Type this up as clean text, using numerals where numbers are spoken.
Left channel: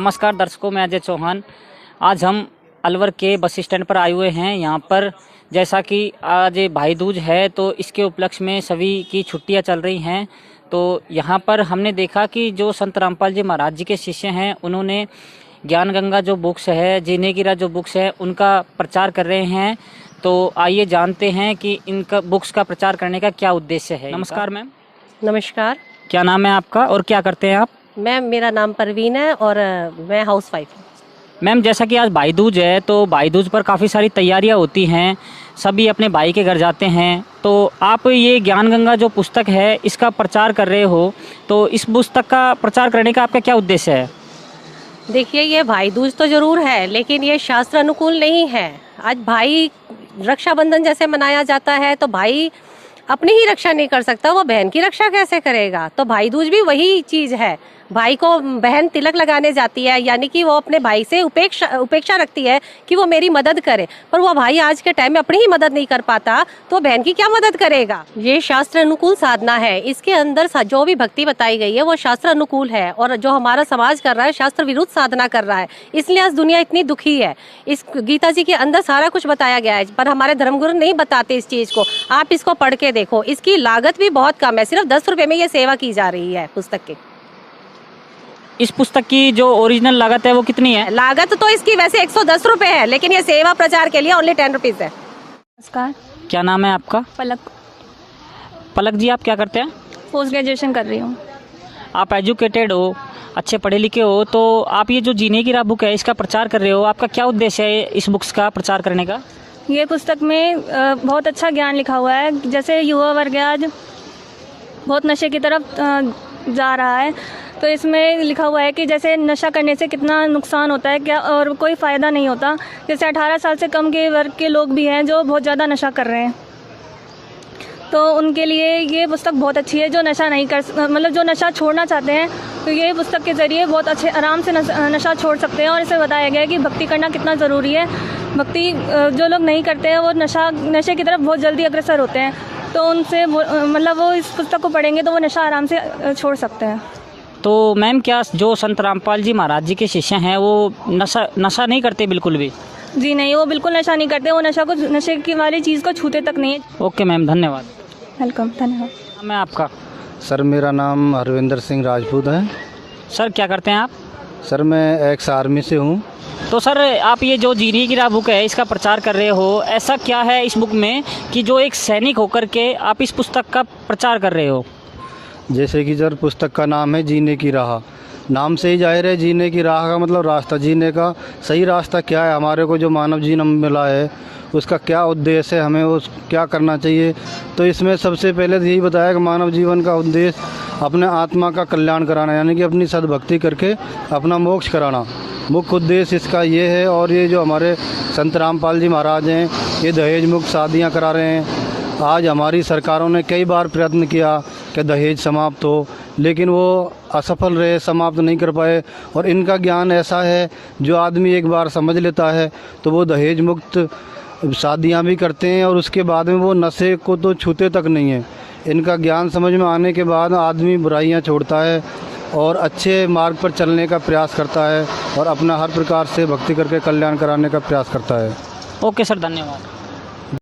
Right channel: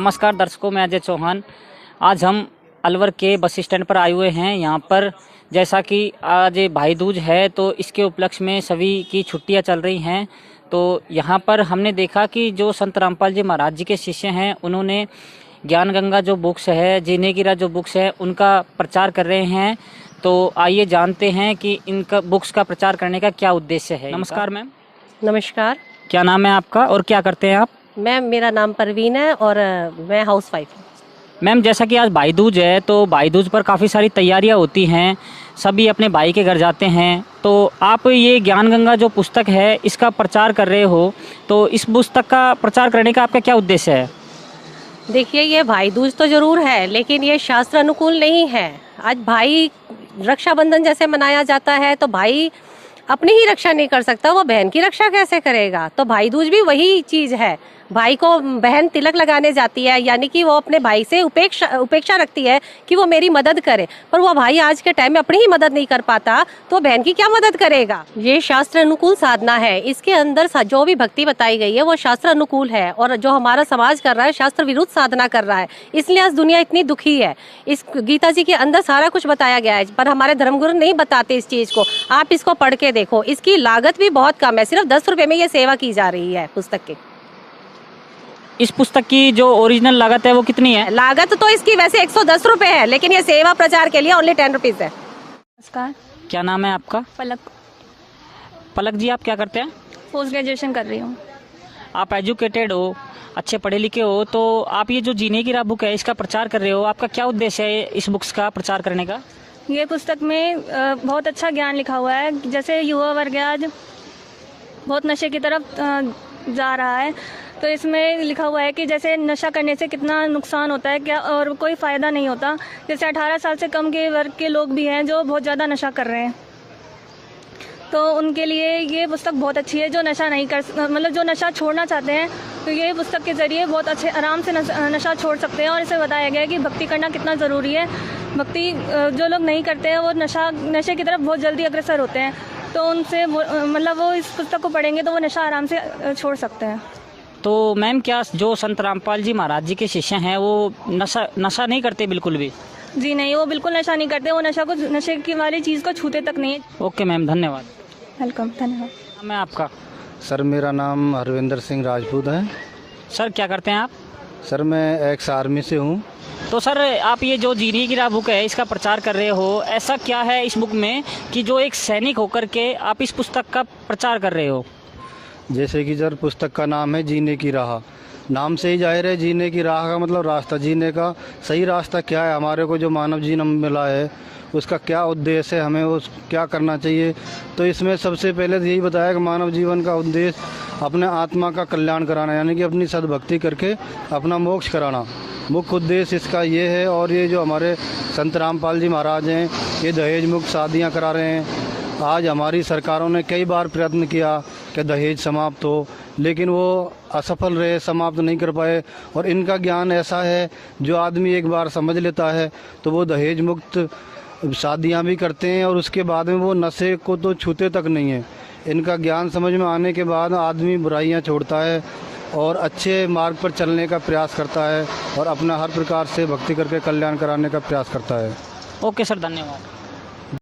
नमस्कार दर्शकों, मैं अजय चौहान। आज हम अलवर के बस स्टैंड पर आए हुए हैं। यहाँ पर जैसा कि आज भाई दूज है तो इसके उपलक्ष्य में सभी की छुट्टियाँ चल रही हैं। तो यहाँ पर हमने देखा कि जो संत रामपाल जी महाराज जी के शिष्य हैं उन्होंने ज्ञान गंगा जो बुक्स है, जीने की राह जो बुक्स है उनका प्रचार कर रहे हैं। तो आइए जानते हैं कि इनका बुक्स का प्रचार करने का क्या उद्देश्य है। नमस्कार मैम। नमस्कार। क्या नाम है आपका और क्या करते हैं आप? मैम, मेरा नाम परवीन है और मैं हाउस वाइफ हूँ। मैम, जैसा कि आज भाई दूज है तो भाई दूज पर काफ़ी सारी तैयारियां होती हैं, सभी अपने भाई के घर जाते हैं। तो आप ये ज्ञान गंगा जो पुस्तक है इसका प्रचार कर रहे हो, तो इस पुस्तक का प्रचार करने का आपका क्या उद्देश्य है? देखिए, ये भाई दूज तो जरूर है लेकिन ये शास्त्र अनुकूल नहीं है। आज भाई रक्षाबंधन जैसे मनाया जाता है तो भाई अपनी ही रक्षा नहीं कर सकता, वो बहन की रक्षा कैसे करेगा? तो भाई दूज भी वही चीज़ है। भाई को बहन तिलक लगाने जाती है, यानी कि वो अपने भाई से उपेक्षा रखती है कि वो मेरी मदद करे, पर वो भाई आज के टाइम में अपनी ही मदद नहीं कर पाता तो बहन की क्या मदद करेगा? ये शास्त्र अनुकूल साधना है। इसके अंदर जो भी भक्ति बताई गई है वो शास्त्र अनुकूल है, और जो हमारा समाज कर रहा है शास्त्र विरुद्ध साधना कर रहा है। इसलिए आज दुनिया इतनी दुखी है। इस गीता जी के अंदर सारा कुछ बताया गया है, पर हमारे धर्मगुरु नहीं बताते इस चीज़ को। आप इसको पढ़ के देखो, इसकी लागत भी बहुत कम है, सिर्फ 10 रुपये में ये सेवा की जा रही है पुस्तक की। इस पुस्तक की जो ओरिजिनल लागत है वो कितनी है? लागत तो इसकी वैसे 110 रुपये है, लेकिन ये सेवा प्रचार के लिए ओनली 10 रुपीज़ है। नमस्कार। क्या नाम है आपका? पलक। पलक जी, आप क्या करते हैं? पोस्ट ग्रेजुएशन कर रही हूँ। आप एजुकेटेड हो, अच्छे पढ़े लिखे हो, तो आप ये जो जीने की राह बुक है इसका प्रचार कर रहे हो, आपका क्या उद्देश्य है इस बुक्स का प्रचार करने का? ये पुस्तक में बहुत अच्छा ज्ञान लिखा हुआ है। जैसे युवा वर्ग आज बहुत नशे की तरफ जा रहा है, तो इसमें लिखा हुआ है कि जैसे नशा करने से कितना नुकसान होता है क्या, और कोई फ़ायदा नहीं होता। जैसे 18 साल से कम के वर्ग के लोग भी हैं जो बहुत ज़्यादा नशा कर रहे हैं, तो उनके लिए ये पुस्तक बहुत अच्छी है। जो नशा नहीं कर मतलब जो नशा छोड़ना चाहते हैं तो ये पुस्तक के ज़रिए बहुत अच्छे आराम से नशा छोड़ सकते हैं। और इसे बताया गया है कि भक्ति करना कितना ज़रूरी है। भक्ति जो लोग नहीं करते हैं वो नशे की तरफ बहुत जल्दी अग्रसर होते हैं, तो उनसे मतलब वो इस पुस्तक को पढ़ेंगे तो वो नशा आराम से छोड़ सकते हैं। तो मैम, क्या जो संत रामपाल जी महाराज जी के शिष्य हैं वो नशा नहीं करते बिल्कुल भी? जी नहीं, वो बिल्कुल नशा नहीं करते। वो नशे की वाली चीज़ को छूते तक नहीं है। ओके मैम, धन्यवाद। वेलकम, धन्यवाद। मैं आपका? सर, मेरा नाम हरविंदर सिंह राजपूत है। सर, क्या करते हैं आप? सर, मैं एक्स आर्मी से हूँ। तो सर, आप ये जो जीने की राह बुक है इसका प्रचार कर रहे हो, ऐसा क्या है इस बुक में कि जो एक सैनिक होकर के आप इस पुस्तक का प्रचार कर रहे हो? जैसे कि सर, पुस्तक का नाम है जीने की राह। नाम से ही जाहिर है, जीने की राह का मतलब रास्ता। जीने का सही रास्ता क्या है, हमारे को जो मानव जीवन मिला है उसका क्या उद्देश्य है, हमें उस क्या करना चाहिए। तो इसमें सबसे पहले यही बताया कि मानव जीवन का उद्देश्य अपने आत्मा का कल्याण कराना, यानी कि अपनी सद्भक्ति करके अपना मोक्ष कराना। मुख्य उद्देश्य इसका ये है। और ये जो हमारे संत रामपाल जी महाराज हैं ये दहेज मुक्त शादियाँ करा रहे हैं। आज हमारी सरकारों ने कई बार प्रयत्न किया कि दहेज समाप्त हो, लेकिन वो असफल रहे, समाप्त नहीं कर पाए। और इनका ज्ञान ऐसा है, जो आदमी एक बार समझ लेता है तो वो दहेज मुक्त शादियां भी करते हैं, और उसके बाद में वो नशे को तो छूते तक नहीं है। इनका ज्ञान समझ में आने के बाद आदमी बुराइयां छोड़ता है और अच्छे मार्ग पर चलने का प्रयास करता है, और अपना हर प्रकार से भक्ति करके कल्याण कराने का प्रयास करता है। ओके सर, धन्यवाद।